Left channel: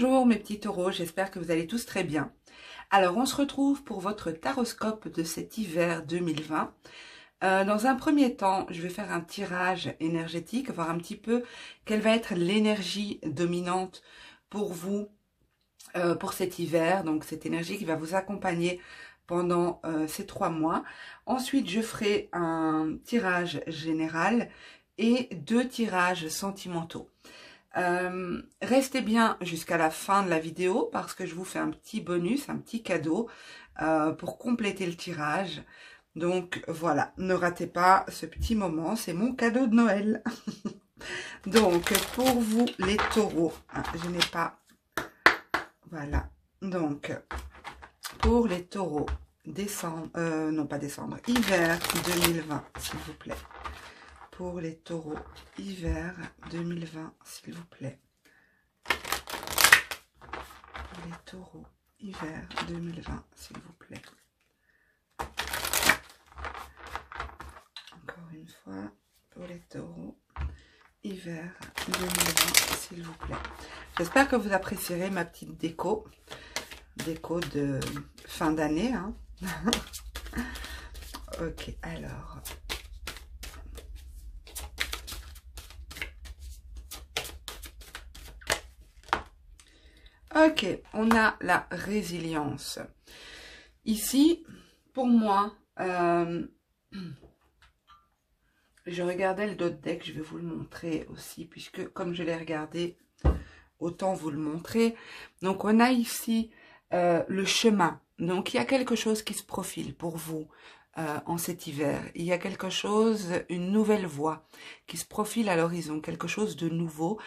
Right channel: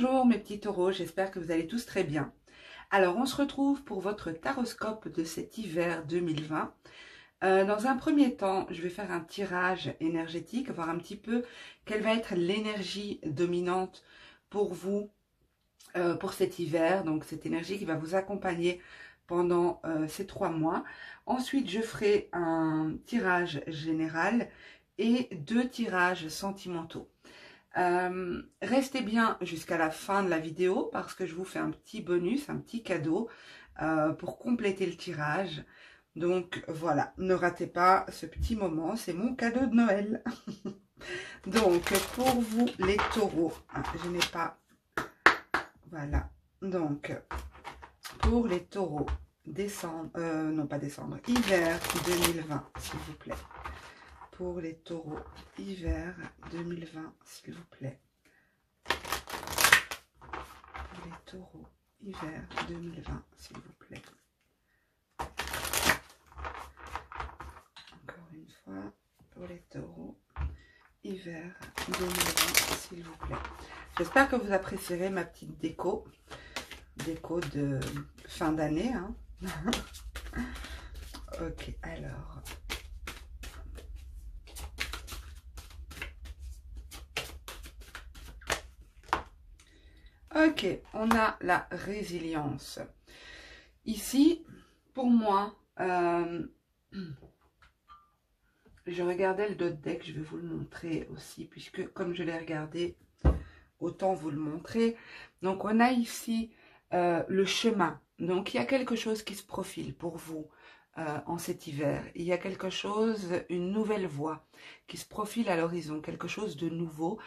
Bonjour mes petits taureaux, j'espère que vous allez tous très bien. Alors on se retrouve pour votre taroscope de cet hiver 2020. Dans un premier temps, je vais faire un tirage énergétique, voir un petit peu quelle va être l'énergie dominante pour vous pour cet hiver. Donc cette énergie qui va vous accompagner pendant ces 3 mois. Ensuite, je ferai un tirage général et 2 tirages sentimentaux. Restez bien jusqu'à la fin de la vidéo parce que je vous fais un petit bonus, un petit cadeau pour compléter le tirage. Donc voilà, ne ratez pas ce petit moment, c'est mon cadeau de Noël. Donc pour vous les taureaux, je n'ai pas... Voilà, donc pour les taureaux, décembre, non pas décembre, hiver 2020 s'il vous plaît. Pour les taureaux, hiver 2020, s'il vous plaît. Pour les taureaux, hiver 2020, s'il vous plaît. Encore une fois, pour les taureaux, hiver 2020, s'il vous plaît. J'espère que vous apprécierez ma petite déco. Déco de fin d'année. Hein. Ok, alors... Ok, on a la résilience. Ici, pour moi, je regardais le dos de deck, je vais vous le montrer aussi, puisque comme je l'ai regardé, autant vous le montrer. Donc, on a ici le chemin. Donc, il y a quelque chose qui se profile pour vous en cet hiver. Il y a quelque chose, une nouvelle voie qui se profile à l'horizon, quelque chose de nouveau.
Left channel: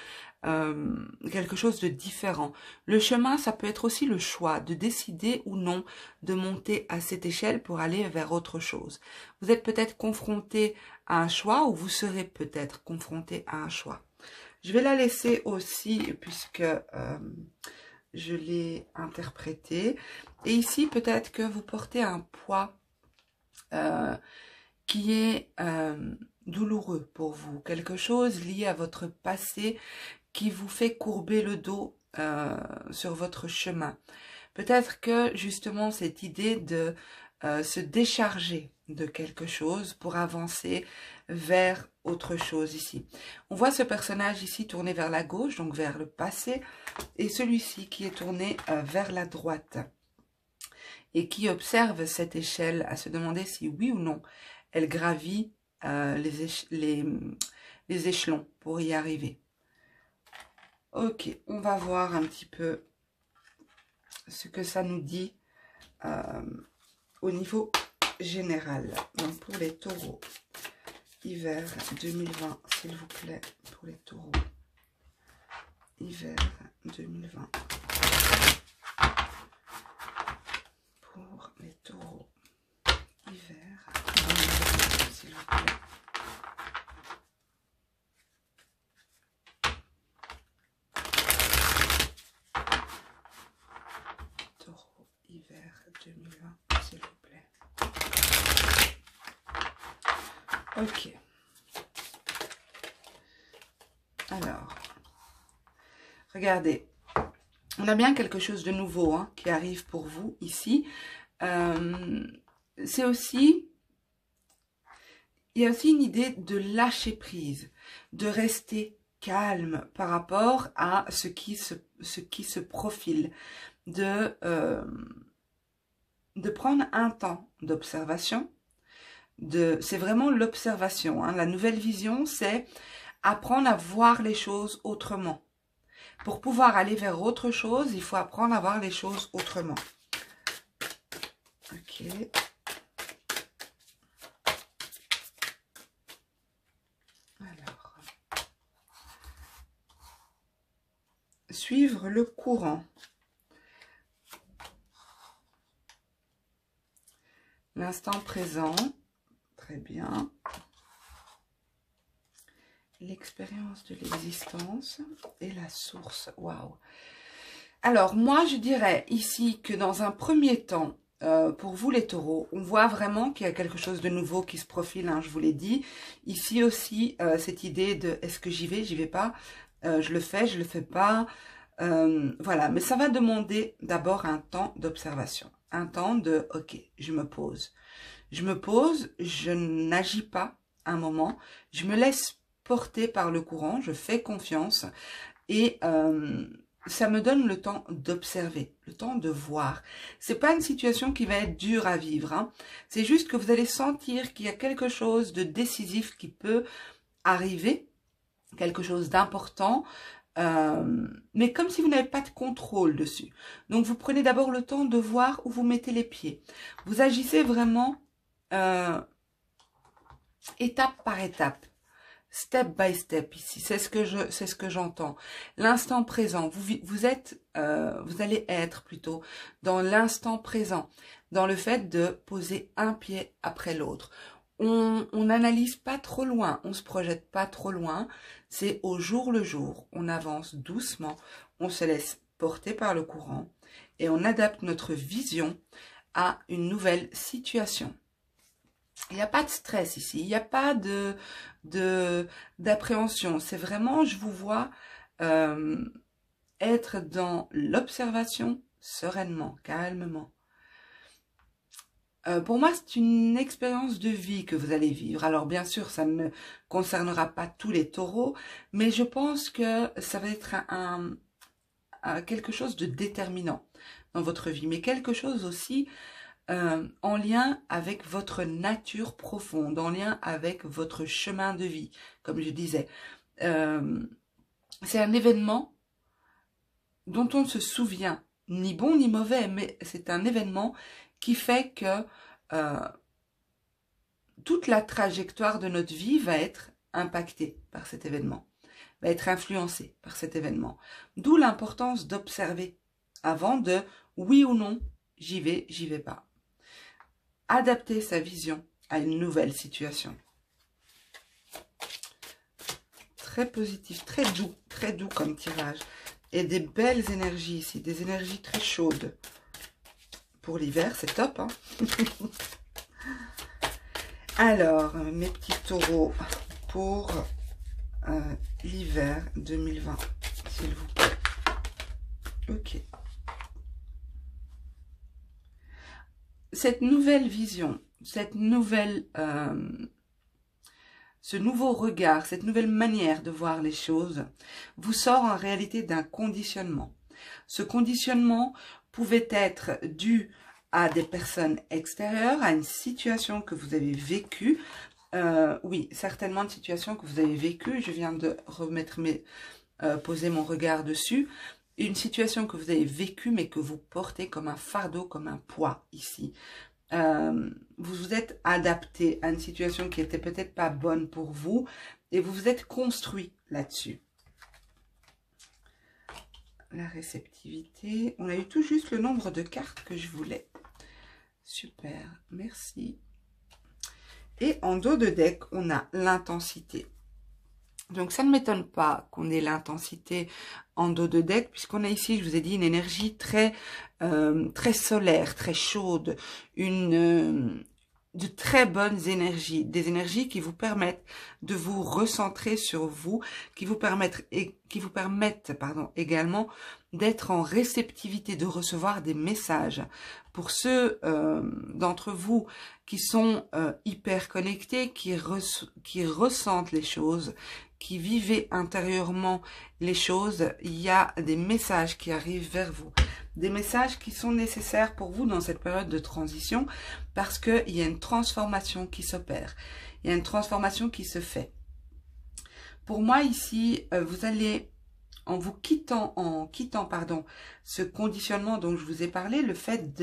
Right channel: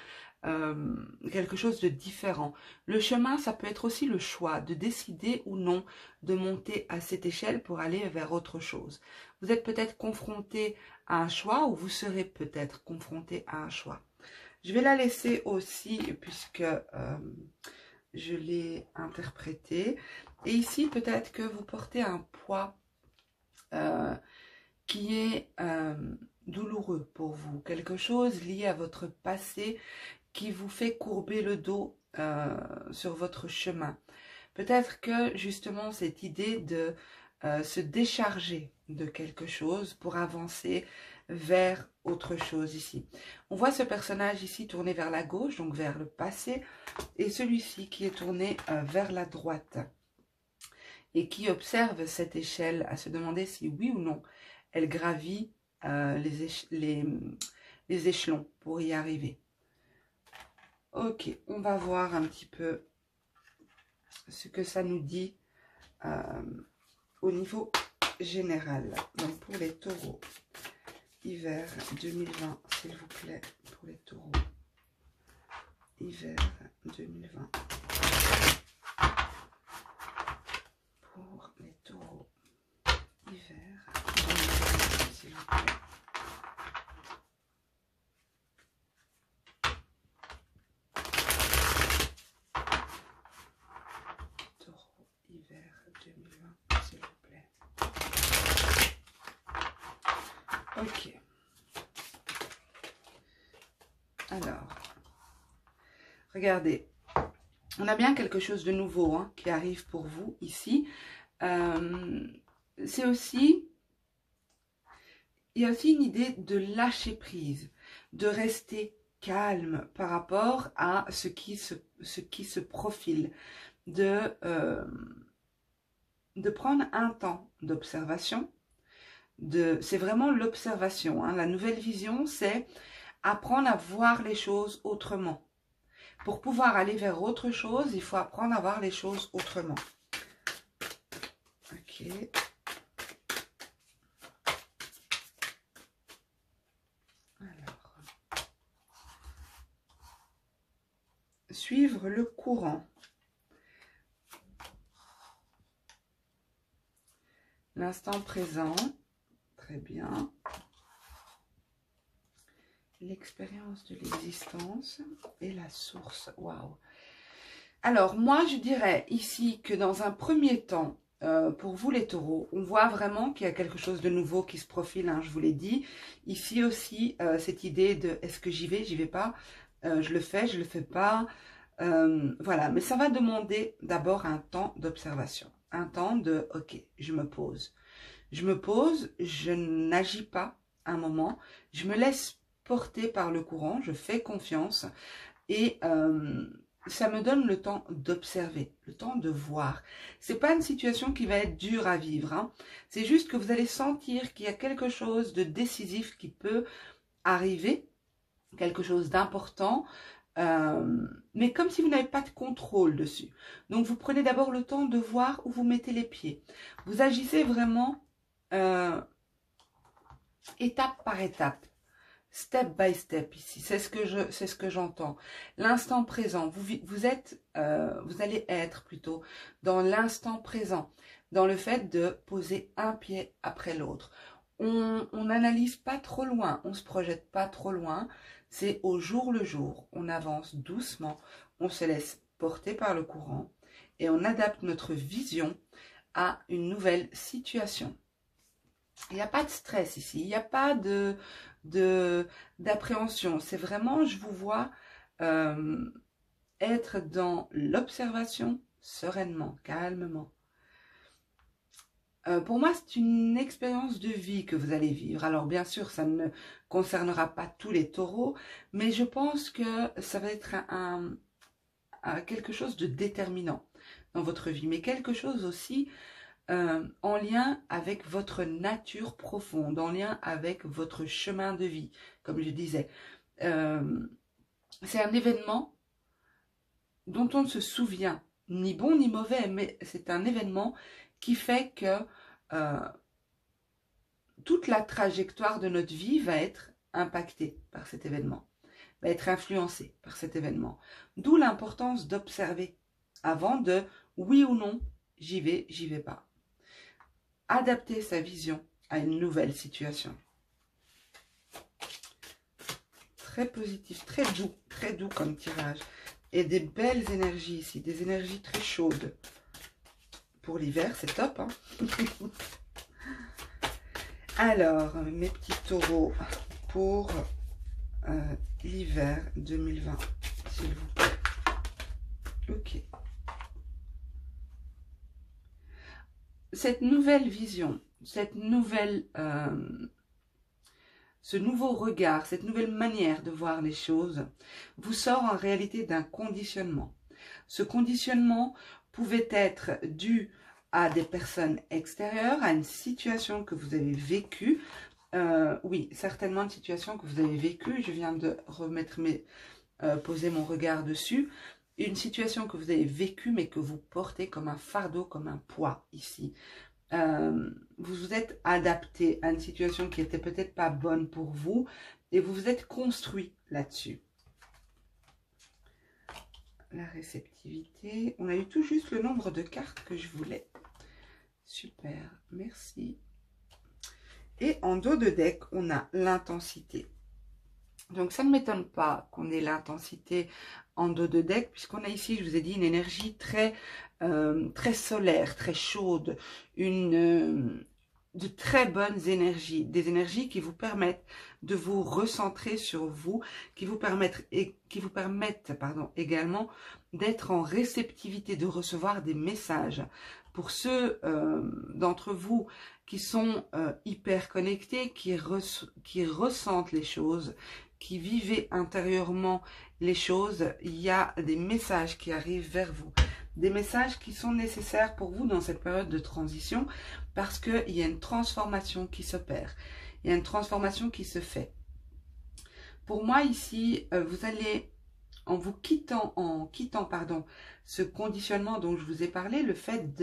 Quelque chose de différent. Le chemin, ça peut être aussi le choix de décider ou non de monter à cette échelle pour aller vers autre chose. Vous êtes peut-être confronté à un choix ou vous serez peut-être confronté à un choix. Je vais la laisser aussi puisque je l'ai interprétée. Et ici, peut-être que vous portez un poids qui est douloureux pour vous. Quelque chose lié à votre passé qui vous fait courber le dos sur votre chemin. Peut-être que justement cette idée de se décharger de quelque chose pour avancer vers autre chose ici. On voit ce personnage ici tourné vers la gauche, donc vers le passé, et celui-ci qui est tourné vers la droite et qui observe cette échelle à se demander si oui ou non elle gravit les échelons pour y arriver. Ok, on va voir un petit peu ce que ça nous dit au niveau général. Donc pour les taureaux, hiver 2020, s'il vous plaît, pour les taureaux, hiver 2020. Pour les taureaux, hiver 2020, s'il vous plaît. Hiver 2020, s'il vous plaît. Ok. Alors, regardez. On a bien quelque chose de nouveau hein, qui arrive pour vous ici. C'est aussi... Il y a aussi une idée de lâcher prise, de rester calme par rapport à ce qui se profile. De prendre un temps d'observation. C'est vraiment l'observation. Hein. La nouvelle vision, c'est apprendre à voir les choses autrement. Pour pouvoir aller vers autre chose, il faut apprendre à voir les choses autrement. Ok. Alors. Suivre le courant. L'instant présent, très bien. L'expérience de l'existence et la source, waouh. Alors, moi, je dirais ici que dans un premier temps, pour vous les taureaux, on voit vraiment qu'il y a quelque chose de nouveau qui se profile, hein, je vous l'ai dit. Ici aussi, cette idée de est-ce que j'y vais pas, je le fais pas. Voilà, mais ça va demander d'abord un temps d'observation. Un temps de, ok, je me pose. Je me pose, je n'agis pas un moment, je me laisse porter par le courant, je fais confiance et ça me donne le temps d'observer, le temps de voir. C'est pas une situation qui va être dure à vivre, hein. C'est juste que vous allez sentir qu'il y a quelque chose de décisif qui peut arriver, quelque chose d'important, mais comme si vous n'avez pas de contrôle dessus. Donc vous prenez d'abord le temps de voir où vous mettez les pieds. Vous agissez vraiment étape par étape, step by step ici. C'est ce que j'entends. L'instant présent. Vous allez être plutôt dans l'instant présent, dans le fait de poser un pied après l'autre. On n'analyse pas trop loin, on se projette pas trop loin. C'est au jour le jour. On avance doucement, on se laisse porter par le courant et on adapte notre vision à une nouvelle situation. Il n'y a pas de stress ici, il n'y a pas d'appréhension. C'est vraiment, je vous vois être dans l'observation sereinement, calmement. Pour moi, c'est une expérience de vie que vous allez vivre. Alors, bien sûr, ça ne concernera pas tous les taureaux, mais je pense que ça va être quelque chose de déterminant dans votre vie, mais quelque chose aussi en lien avec votre nature profonde, en lien avec votre chemin de vie, comme je disais. C'est un événement dont on ne se souvient, ni bon ni mauvais, mais c'est un événement qui fait que toute la trajectoire de notre vie va être impactée par cet événement, va être influencée par cet événement. D'où l'importance d'observer avant de oui ou non, j'y vais pas. Adapter sa vision à une nouvelle situation. Très positif, très doux comme tirage. Et des belles énergies ici, des énergies très chaudes. Pour l'hiver, c'est top, hein. Alors, mes petits taureaux, pour l'hiver 2020, s'il vous plaît. Ok. Cette nouvelle vision, cette nouvelle, ce nouveau regard, cette nouvelle manière de voir les choses, vous sort en réalité d'un conditionnement. Ce conditionnement pouvait être dû à des personnes extérieures, à une situation que vous avez vécue. Oui, certainement une situation que vous avez vécue. Je viens de remettre poser mon regard dessus. Une situation que vous avez vécue, mais que vous portez comme un fardeau, comme un poids ici. Vous vous êtes adapté à une situation qui était peut-être pas bonne pour vous et vous vous êtes construit là-dessus. La réceptivité. On a eu tout juste le nombre de cartes que je voulais. Super, merci. Et en dos de deck, on a l'intensité. Donc, ça ne m'étonne pas qu'on ait l'intensité en dos de deck, puisqu'on a ici, je vous ai dit, une énergie très, très solaire, très chaude, de très bonnes énergies, des énergies qui vous permettent de vous recentrer sur vous, qui vous permettent également d'être en réceptivité, de recevoir des messages. Pour ceux d'entre vous qui sont hyper connectés, qui ressentent les choses, qui vivent intérieurement les choses, il y a des messages qui arrivent vers vous. Des messages qui sont nécessaires pour vous dans cette période de transition parce qu'il y a une transformation qui s'opère. Il y a une transformation qui se fait. Pour moi ici, vous allez, en quittant ce conditionnement dont je vous ai parlé, le fait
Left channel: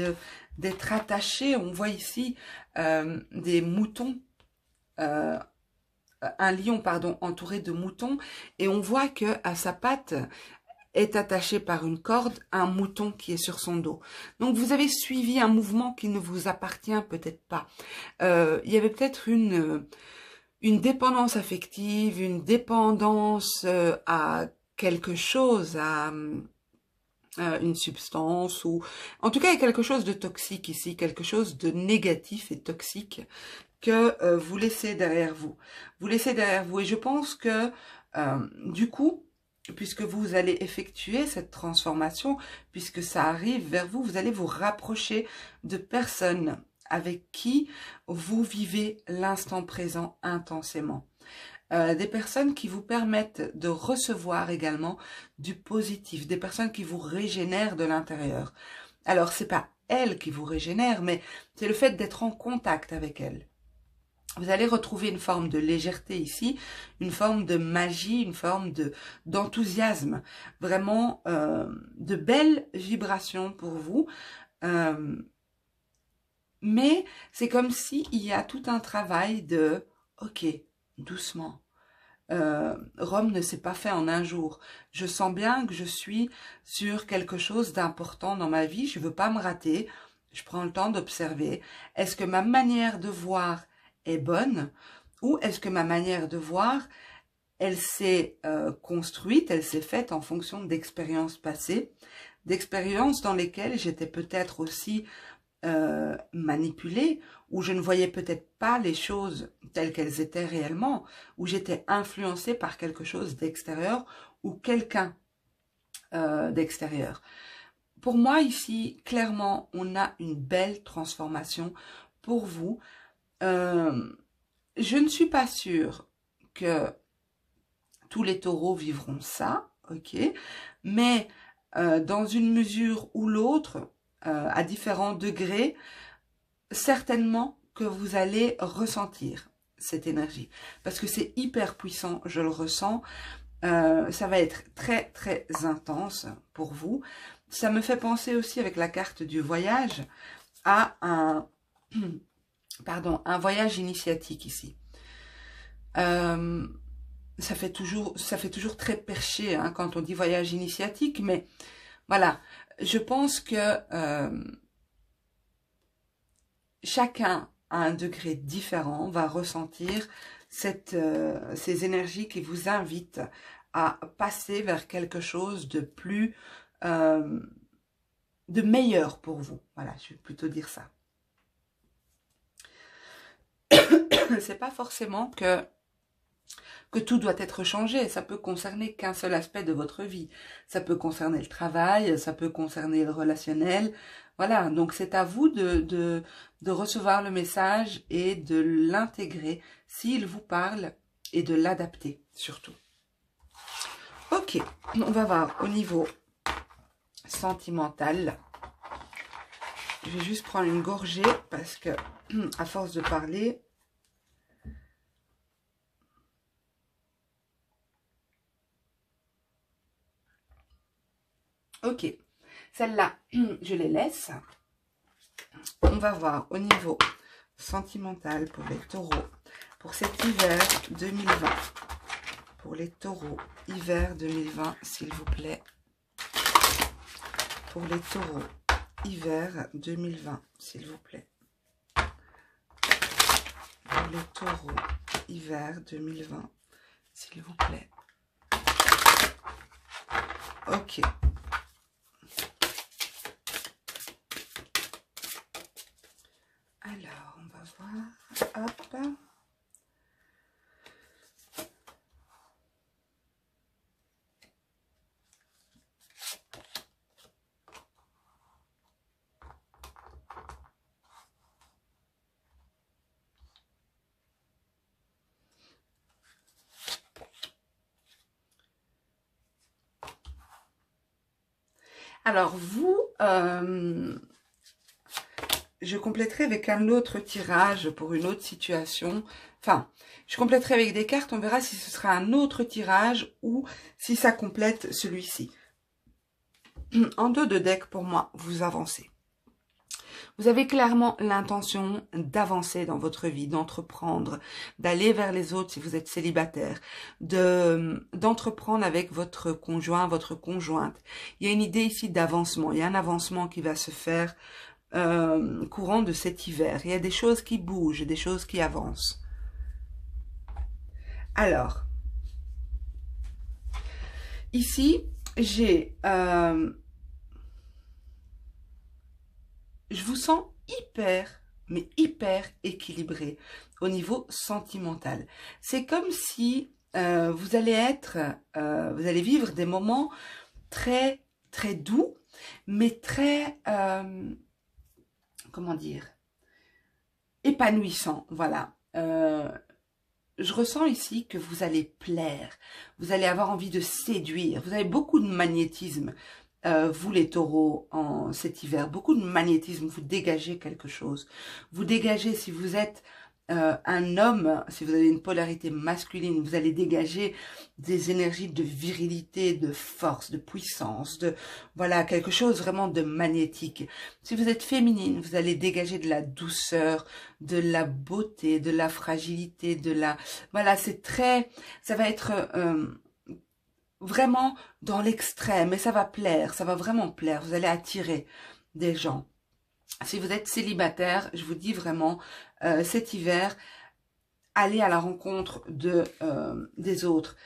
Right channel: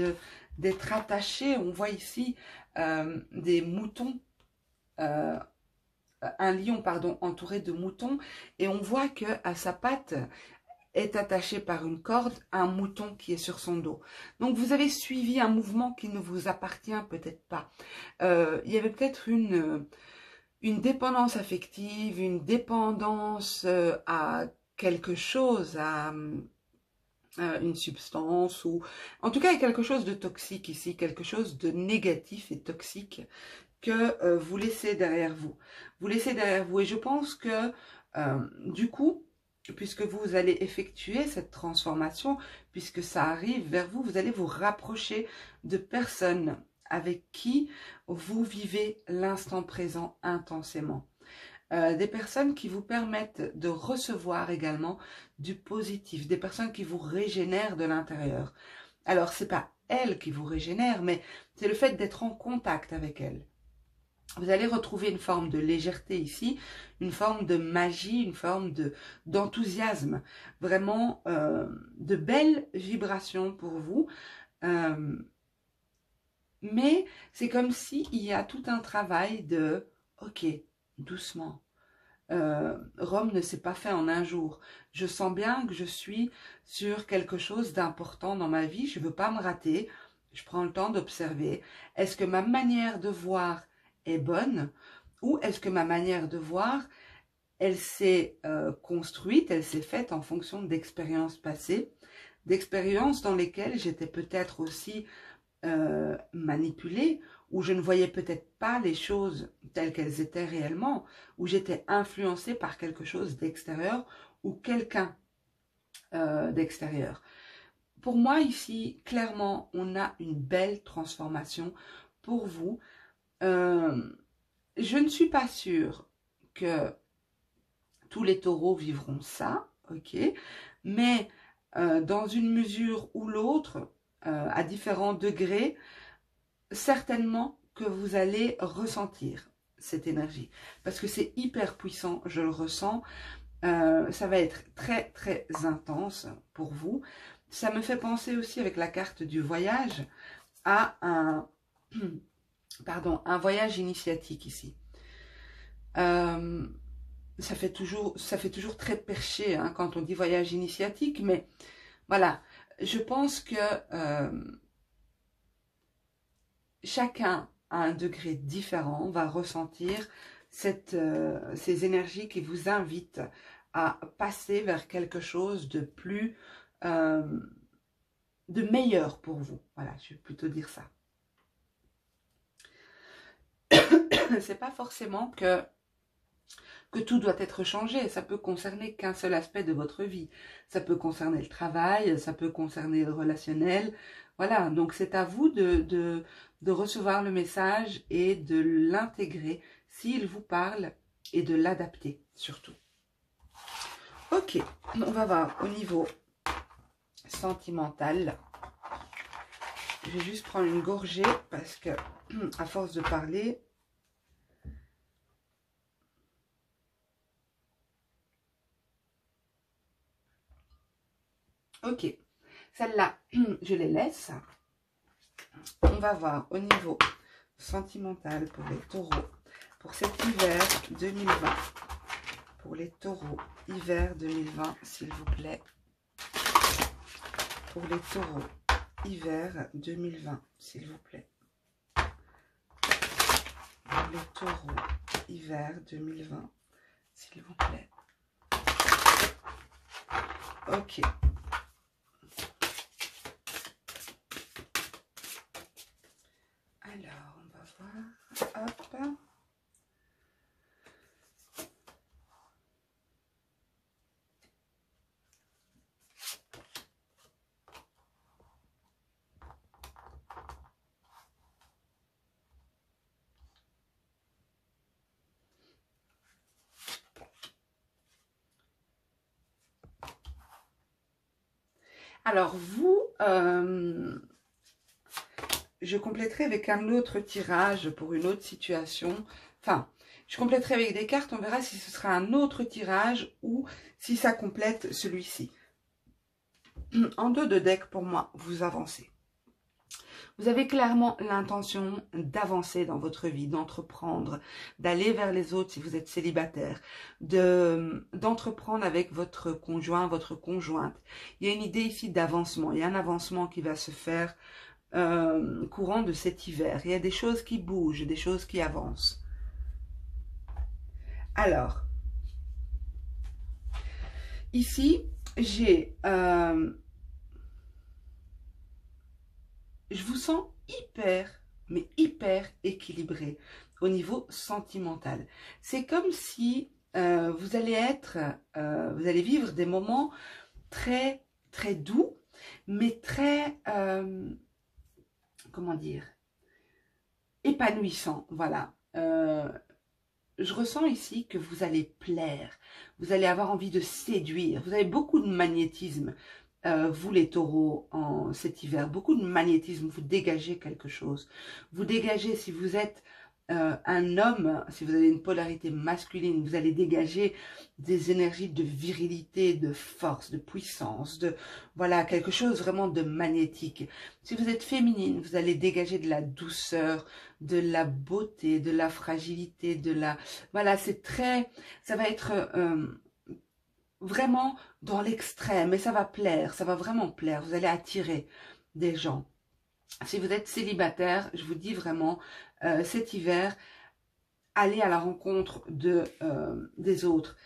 d'être attaché, on voit ici des moutons, un lion, pardon, entouré de moutons, et on voit que à sa patte est attaché par une corde un mouton qui est sur son dos. Donc vous avez suivi un mouvement qui ne vous appartient peut-être pas. Il y avait peut-être une dépendance affective, une dépendance à quelque chose, à une substance, ou en tout cas il y a quelque chose de toxique ici, quelque chose de négatif et toxique que vous laissez derrière vous. Vous laissez derrière vous, et je pense que du coup, puisque vous allez effectuer cette transformation, puisque ça arrive vers vous, vous allez vous rapprocher de personnes avec qui vous vivez l'instant présent intensément. Des personnes qui vous permettent de recevoir également du positif, des personnes qui vous régénèrent de l'intérieur. Alors, c'est pas elles qui vous régénèrent, mais c'est le fait d'être en contact avec elles. Vous allez retrouver une forme de légèreté ici, une forme de magie, une forme d'enthousiasme, vraiment de belles vibrations pour vous. Mais c'est comme s'il y a tout un travail de « ok, doucement ». Rome ne s'est pas fait en un jour. Je sens bien que je suis sur quelque chose d'important dans ma vie. Je ne veux pas me rater. Je prends le temps d'observer. Est-ce que ma manière de voir est bonne ou est-ce que ma manière de voir, elle s'est construite, elle s'est faite en fonction d'expériences passées, d'expériences dans lesquelles j'étais peut-être aussi manipulée, où je ne voyais peut-être pas les choses telles qu'elles étaient réellement, où j'étais influencée par quelque chose d'extérieur ou quelqu'un d'extérieur. Pour moi ici, clairement, on a une belle transformation pour vous. Je ne suis pas sûre que tous les taureaux vivront ça, ok, mais dans une mesure ou l'autre, à différents degrés, certainement que vous allez ressentir cette énergie. Parce que c'est hyper puissant, je le ressens. Ça va être très, très intense pour vous. Ça me fait penser aussi avec la carte du voyage à un voyage initiatique ici. Ça fait toujours très perché hein, quand on dit voyage initiatique, mais voilà, je pense que chacun à un degré différent va ressentir ces énergies qui vous invitent à passer vers quelque chose de plus, de meilleur pour vous. Voilà, je vais plutôt dire ça. C'est pas forcément que tout doit être changé. Ça peut concerner qu'un seul aspect de votre vie. Ça peut concerner le travail, ça peut concerner le relationnel. Voilà, donc c'est à vous de recevoir le message et de l'intégrer s'il vous parle et de l'adapter surtout. Ok, on va voir au niveau sentimental. Je vais juste prendre une gorgée parce que à force de parler... Ok, celle-là, je les laisse. On va voir au niveau sentimental pour les taureaux, pour cet hiver 2020. Pour les taureaux, hiver 2020, s'il vous plaît. Pour les taureaux, hiver 2020, s'il vous plaît. Pour les taureaux, hiver 2020, s'il vous plaît. Ok. Alors, on va voir. Hop. Alors, vous, je compléterai avec un autre tirage pour une autre situation. Enfin, je compléterai avec des cartes. On verra si ce sera un autre tirage ou si ça complète celui-ci. En dos de deck, pour moi, vous avancez. Vous avez clairement l'intention d'avancer dans votre vie, d'entreprendre, d'aller vers les autres si vous êtes célibataire, d'entreprendre avec votre conjoint, votre conjointe. Il y a une idée ici d'avancement. Il y a un avancement qui va se faire courant de cet hiver. Il y a des choses qui bougent, des choses qui avancent. Alors, ici, j'ai... je vous sens mais hyper équilibré au niveau sentimental. C'est comme si vous allez vivre des moments très, très doux, mais très, comment dire, épanouissants, voilà. Je ressens ici que vous allez plaire, vous allez avoir envie de séduire, vous avez beaucoup de magnétisme, vous les taureaux, en cet hiver, beaucoup de magnétisme, vous dégagez quelque chose. Vous dégagez, si vous êtes un homme, si vous avez une polarité masculine, vous allez dégager des énergies de virilité, de force, de puissance, de voilà, quelque chose vraiment de magnétique. Si vous êtes féminine, vous allez dégager de la douceur, de la beauté, de la fragilité, de la... Voilà, c'est très... Ça va être vraiment dans l'extrême et ça va plaire, ça va vraiment plaire. Vous allez attirer des gens. Si vous êtes célibataire, je vous dis vraiment, cet hiver, allez à la rencontre des autres.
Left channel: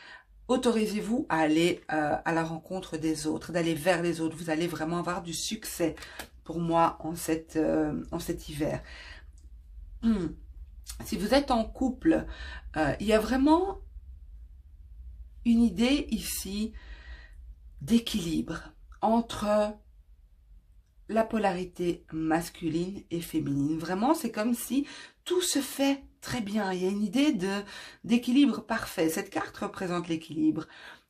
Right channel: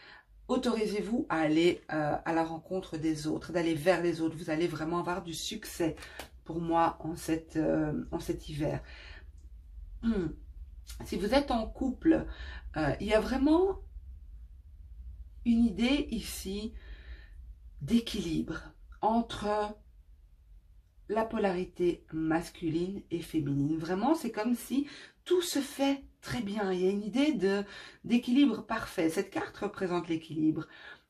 Autorisez-vous à aller à la rencontre des autres, d'aller vers les autres. Vous allez vraiment avoir du succès pour moi en cet hiver. Si vous êtes en couple, il y a vraiment une idée ici d'équilibre entre la polarité masculine et féminine. Vraiment, c'est comme si tout se fait très bien. Il y a une idée d'équilibre parfait. Cette carte représente l'équilibre.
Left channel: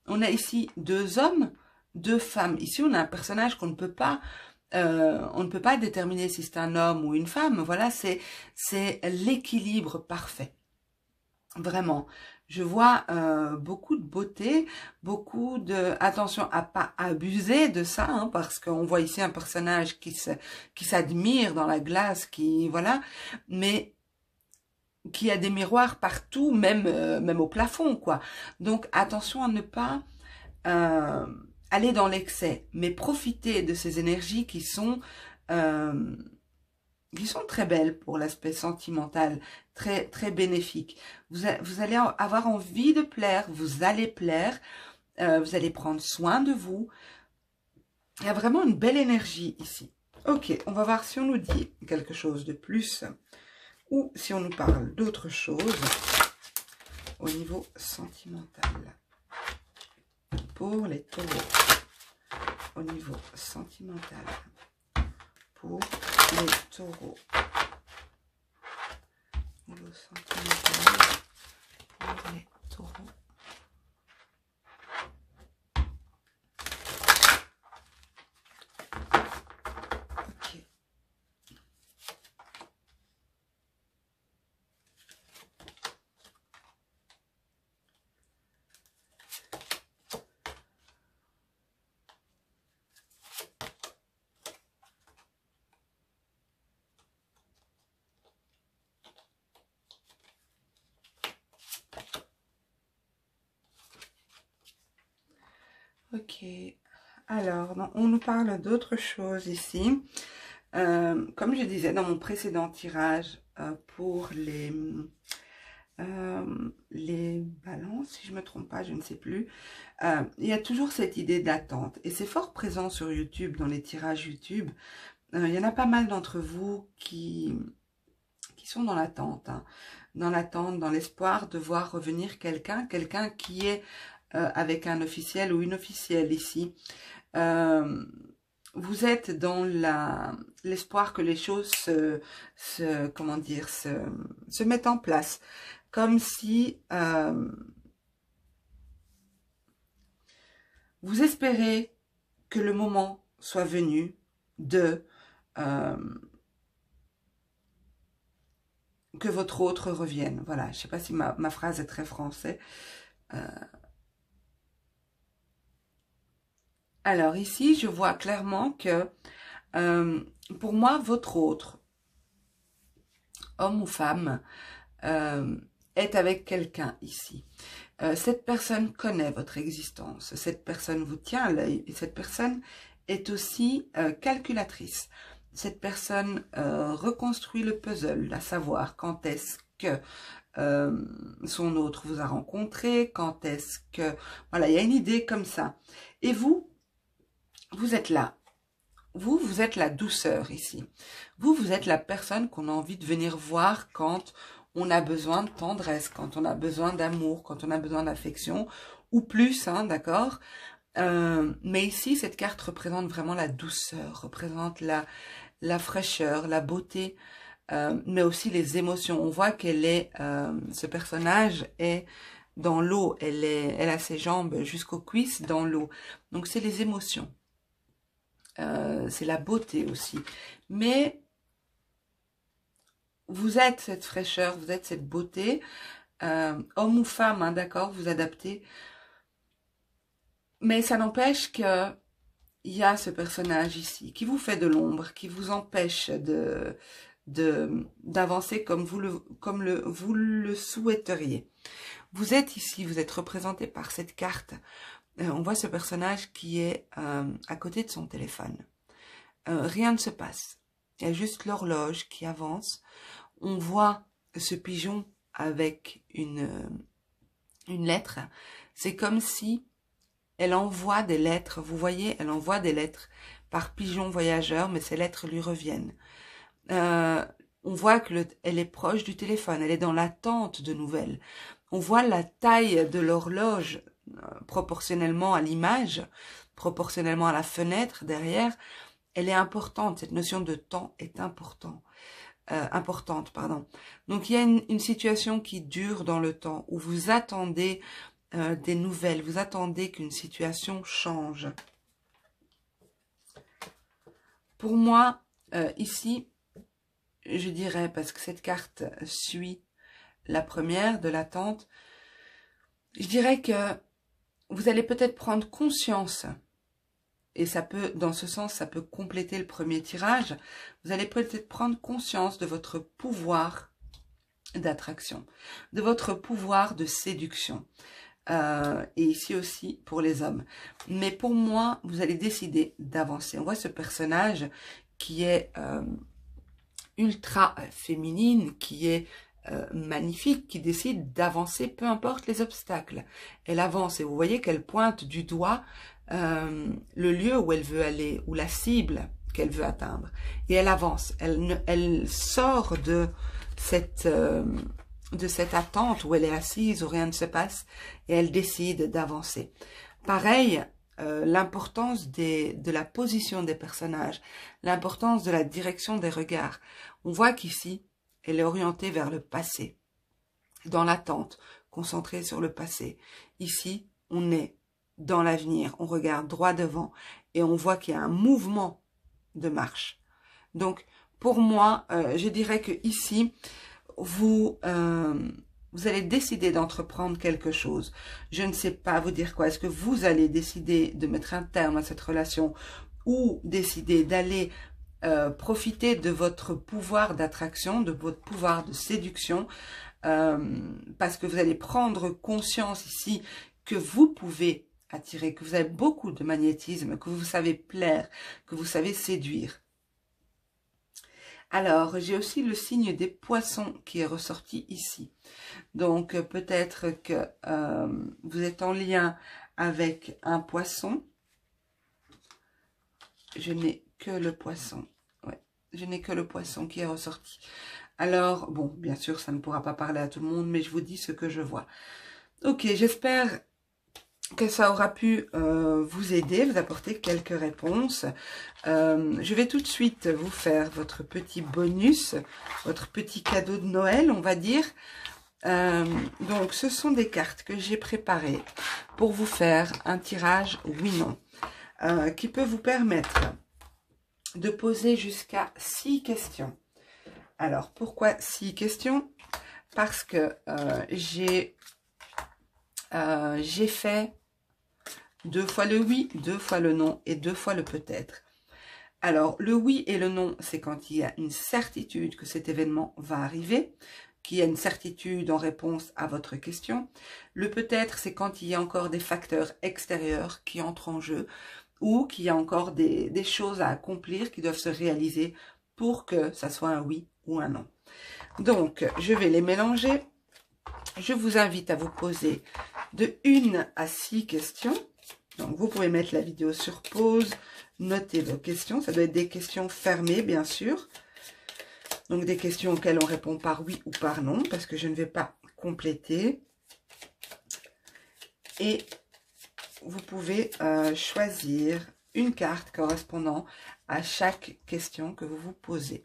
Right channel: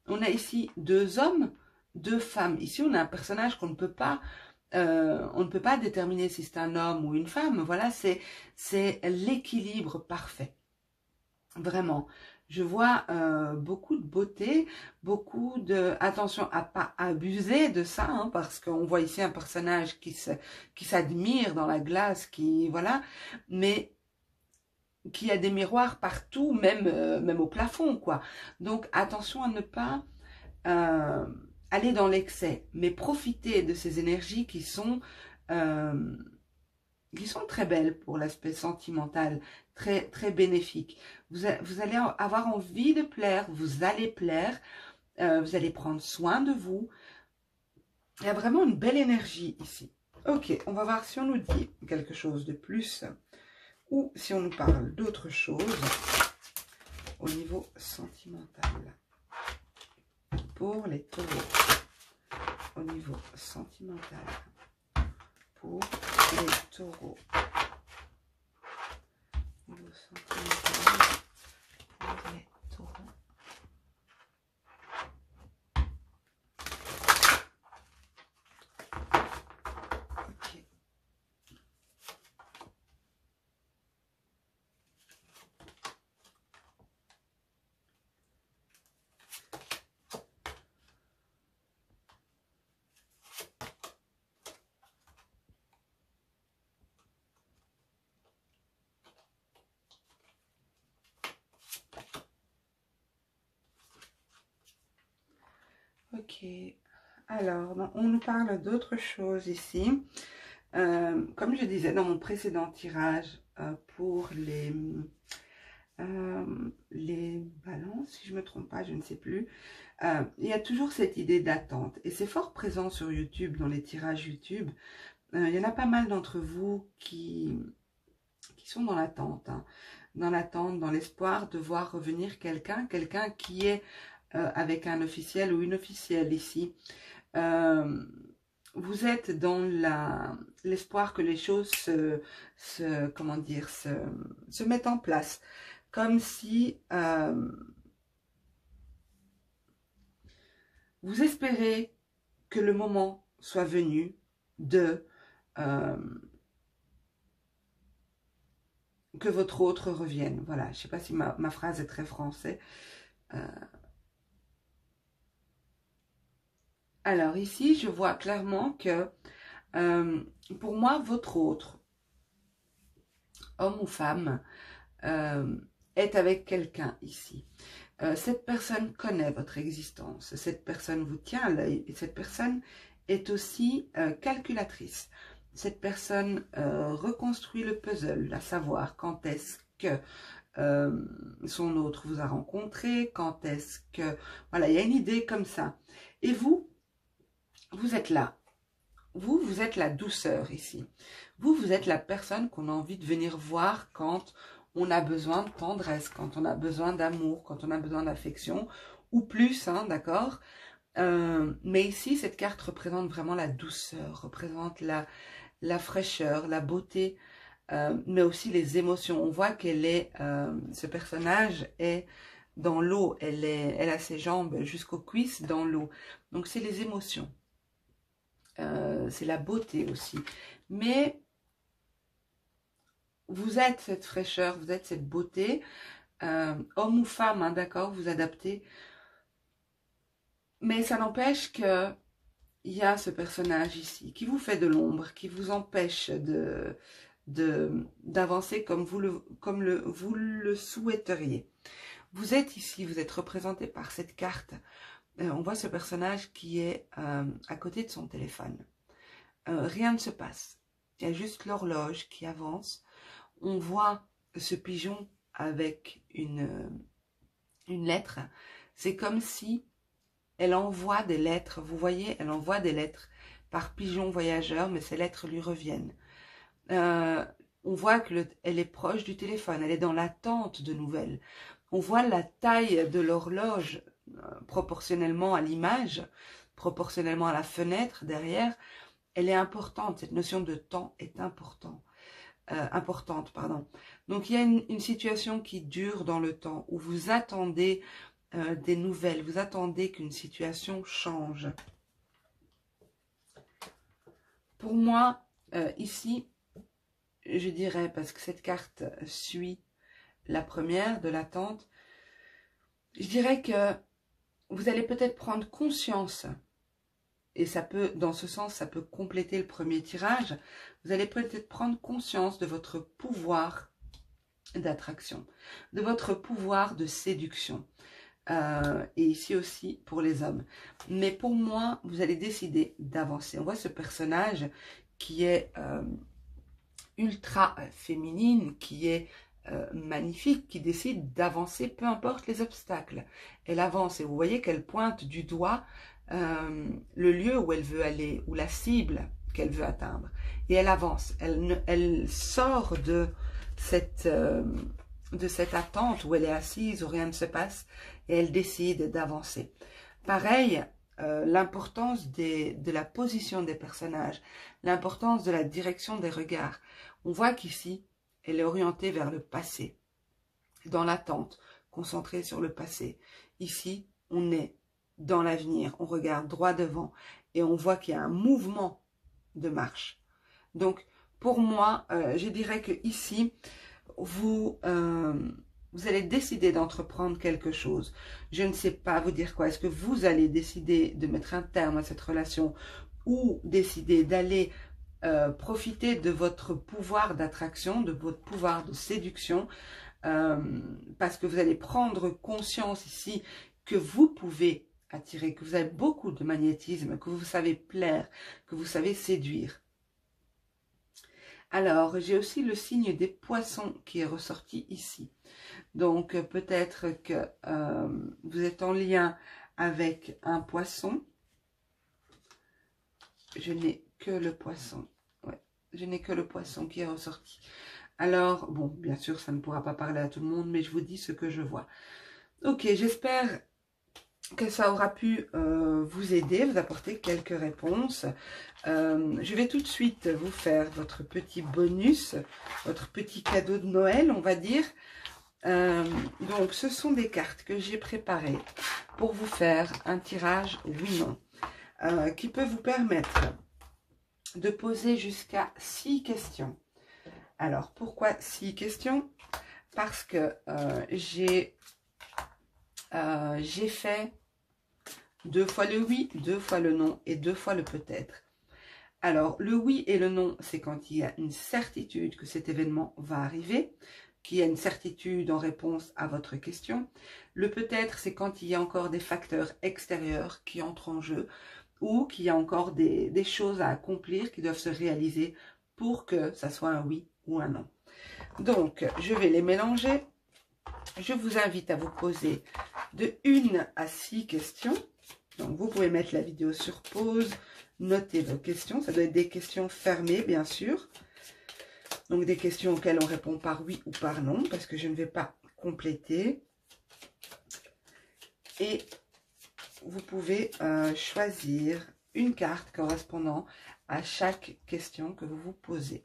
On a ici 2 hommes, 2 femmes. Ici, on a un personnage qu'on ne peut pas... on ne peut pas déterminer si c'est un homme ou une femme. Voilà, c'est l'équilibre parfait. Vraiment. Je vois beaucoup de beauté, beaucoup de... Attention à pas abuser de ça, hein, parce qu'on voit ici un personnage qui s'admire dans la glace, qui... Voilà. Mais qui a des miroirs partout, même, même au plafond, quoi. Donc, attention à ne pas aller dans l'excès, mais profiter de ces énergies qui sont très belles pour l'aspect sentimental, très, très bénéfiques. Vous allez avoir envie de plaire, vous allez plaire, vous allez prendre soin de vous. Il y a vraiment une belle énergie ici. Ok, on va voir si on nous dit quelque chose de plus ou si on nous parle d'autre chose au niveau sentimental. Pour les taureaux, au niveau sentimental, pour les taureaux, au niveau sentimental, pour les taureaux. Ok. Ok, alors on nous parle d'autre chose ici. Comme je disais dans mon précédent tirage pour les balances, si je ne me trompe pas, je ne sais plus, il y a toujours cette idée d'attente et c'est fort présent sur YouTube, dans les tirages YouTube. Il y en a pas mal d'entre vous qui sont dans l'attente, hein, dans l'espoir de voir revenir quelqu'un qui est avec un officiel ou une officielle ici. Vous êtes dans l'espoir que les choses comment dire, se mettent en place. Comme si vous espérez que le moment soit venu de que votre autre revienne. Voilà, je ne sais pas si ma phrase est très français. Alors ici, je vois clairement que pour moi, votre autre, homme ou femme, est avec quelqu'un ici. Cette personne connaît votre existence, cette personne vous tient à l'œil et cette personne est aussi calculatrice. Cette personne reconstruit le puzzle, à savoir quand est-ce que son autre vous a rencontré, quand est-ce que... Voilà, il y a une idée comme ça. Et vous êtes là. Vous êtes la douceur ici. Vous êtes la personne qu'on a envie de venir voir quand on a besoin de tendresse, quand on a besoin d'amour, quand on a besoin d'affection, ou plus, hein, d'accord? Mais ici, cette carte représente vraiment la douceur, représente la fraîcheur, la beauté, mais aussi les émotions. On voit qu'elle est, ce personnage est dans l'eau, elle a ses jambes jusqu'aux cuisses dans l'eau. Donc c'est les émotions, c'est la beauté aussi. Mais vous êtes cette fraîcheur, vous êtes cette beauté, homme ou femme, hein, d'accord, vous adaptez. Mais ça n'empêche que il y a ce personnage ici qui vous fait de l'ombre, qui vous empêche d'avancer comme vous le souhaiteriez. Vous êtes ici, vous êtes représenté par cette carte. On voit ce personnage qui est à côté de son téléphone. Rien ne se passe. Il y a juste l'horloge qui avance. On voit ce pigeon avec une lettre. C'est comme si elle envoie des lettres. Vous voyez, elle envoie des lettres par pigeon voyageur, mais ces lettres lui reviennent. On voit qu'elle est proche du téléphone. Elle est dans l'attente de nouvelles. On voit la taille de l'horloge proportionnellement à l'image, proportionnellement à la fenêtre derrière. Elle est importante. Cette notion de temps est importante. Donc, il y a une situation qui dure dans le temps, où vous attendez des nouvelles, vous attendez qu'une situation change. Pour moi, ici, je dirais, parce que cette carte suit la première de l'attente, je dirais que vous allez peut-être prendre conscience, et ça peut, dans ce sens, ça peut compléter le premier tirage, vous allez peut-être prendre conscience de votre pouvoir d'attraction, de votre pouvoir de séduction. Et ici aussi pour les hommes. Mais pour moi, vous allez décider d'avancer. On voit ce personnage qui est ultra féminine, qui est magnifique, qui décide d'avancer, peu importe les obstacles. Elle avance et vous voyez qu'elle pointe du doigt le lieu où elle veut aller, ou la cible qu'elle veut atteindre. Et elle avance, elle sort de cette attente où elle est assise, où rien ne se passe, et elle décide d'avancer. Pareil, l'importance de la position des personnages, l'importance de la direction des regards. On voit qu'ici, elle est orientée vers le passé, dans l'attente, concentrée sur le passé. Ici, on est dans l'avenir, on regarde droit devant, et on voit qu'il y a un mouvement de marche. Donc, pour moi, je dirais que ici, vous allez décider d'entreprendre quelque chose. Je ne sais pas vous dire quoi. Est-ce que vous allez décider de mettre un terme à cette relation ou décider d'aller profiter de votre pouvoir d'attraction, de votre pouvoir de séduction, parce que vous allez prendre conscience ici que vous pouvez attirer, que vous avez beaucoup de magnétisme, que vous savez plaire, que vous savez séduire. Alors, j'ai aussi le signe des poissons qui est ressorti ici. Donc, peut-être que vous êtes en lien avec un poisson. Je n'ai que le poisson. Ouais, je n'ai que le poisson qui est ressorti. Alors, bon, bien sûr, ça ne pourra pas parler à tout le monde, mais je vous dis ce que je vois. Ok, j'espère que ça aura pu vous aider, vous apporter quelques réponses. Je vais tout de suite vous faire votre petit bonus, votre petit cadeau de Noël, on va dire. Donc, ce sont des cartes que j'ai préparées pour vous faire un tirage oui-non, qui peut vous permettre de poser jusqu'à 6 questions. Alors, pourquoi 6 questions? Parce que j'ai fait 2 fois le oui, 2 fois le non et 2 fois le peut-être. Alors, le oui et le non, c'est quand il y a une certitude que cet événement va arriver, qu'il y a une certitude en réponse à votre question. Le peut-être, c'est quand il y a encore des facteurs extérieurs qui entrent en jeu ou qu'il y a encore des choses à accomplir qui doivent se réaliser pour que ça soit un oui ou un non. Donc, je vais les mélanger. Je vous invite à vous poser de 1 à 6 questions. Donc, vous pouvez mettre la vidéo sur pause, noter vos questions. Ça doit être des questions fermées, bien sûr. Donc des questions auxquelles on répond par oui ou par non, parce que je ne vais pas compléter. Et vous pouvez choisir une carte correspondant à chaque question que vous vous posez.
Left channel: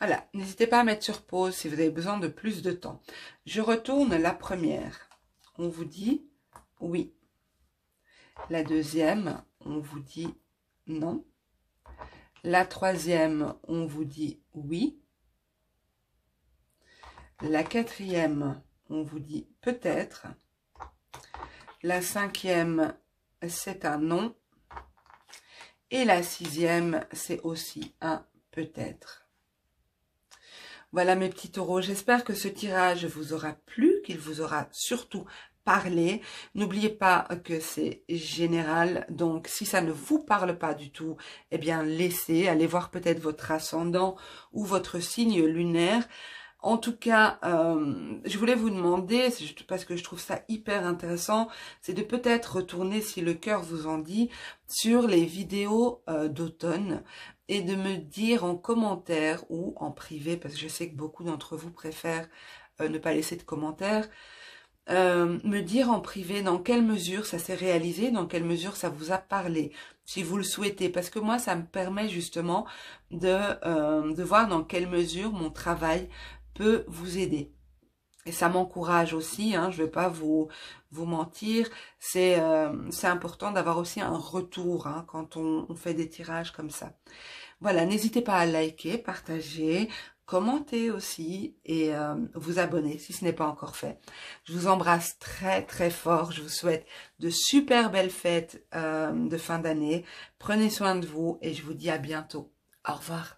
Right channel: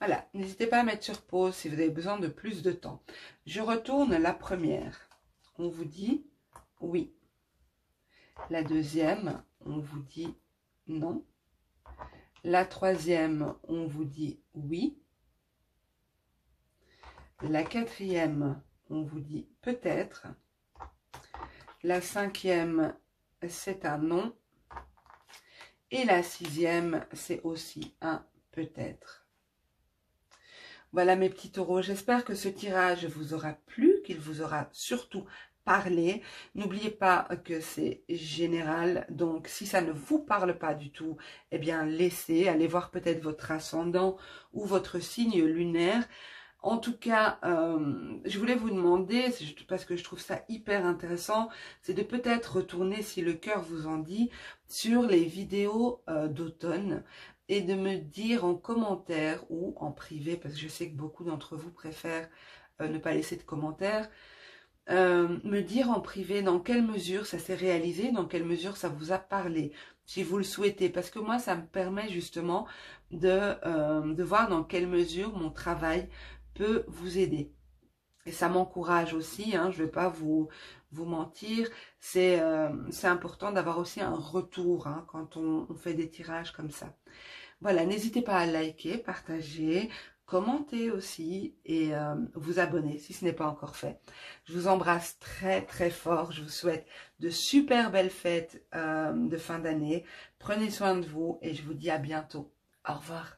Voilà, n'hésitez pas à mettre sur pause si vous avez besoin de plus de temps. Je retourne la première. On vous dit oui. La deuxième, on vous dit non. La troisième, on vous dit oui. La quatrième, on vous dit peut-être. La cinquième, c'est un non. Et la sixième, c'est aussi un peut-être. Voilà mes petits taureaux, j'espère que ce tirage vous aura plu, qu'il vous aura surtout parlé. N'oubliez pas que c'est général, donc si ça ne vous parle pas du tout, eh bien laissez, allez voir peut-être votre ascendant ou votre signe lunaire. En tout cas, je voulais vous demander, parce que je trouve ça hyper intéressant, c'est de peut-être retourner, si le cœur vous en dit, sur les vidéos d'automne et de me dire en commentaire ou en privé, parce que je sais que beaucoup d'entre vous préfèrent ne pas laisser de commentaires, me dire en privé dans quelle mesure ça s'est réalisé, dans quelle mesure ça vous a parlé, si vous le souhaitez, parce que moi ça me permet justement de voir dans quelle mesure mon travail peut vous aider. Et ça m'encourage aussi, hein, je ne vais pas vous mentir, c'est important d'avoir aussi un retour hein, quand on fait des tirages comme ça. Voilà, n'hésitez pas à liker, partager, commenter aussi et vous abonner si ce n'est pas encore fait. Je vous embrasse très très fort, je vous souhaite de super belles fêtes de fin d'année. Prenez soin de vous et je vous dis à bientôt. Au revoir.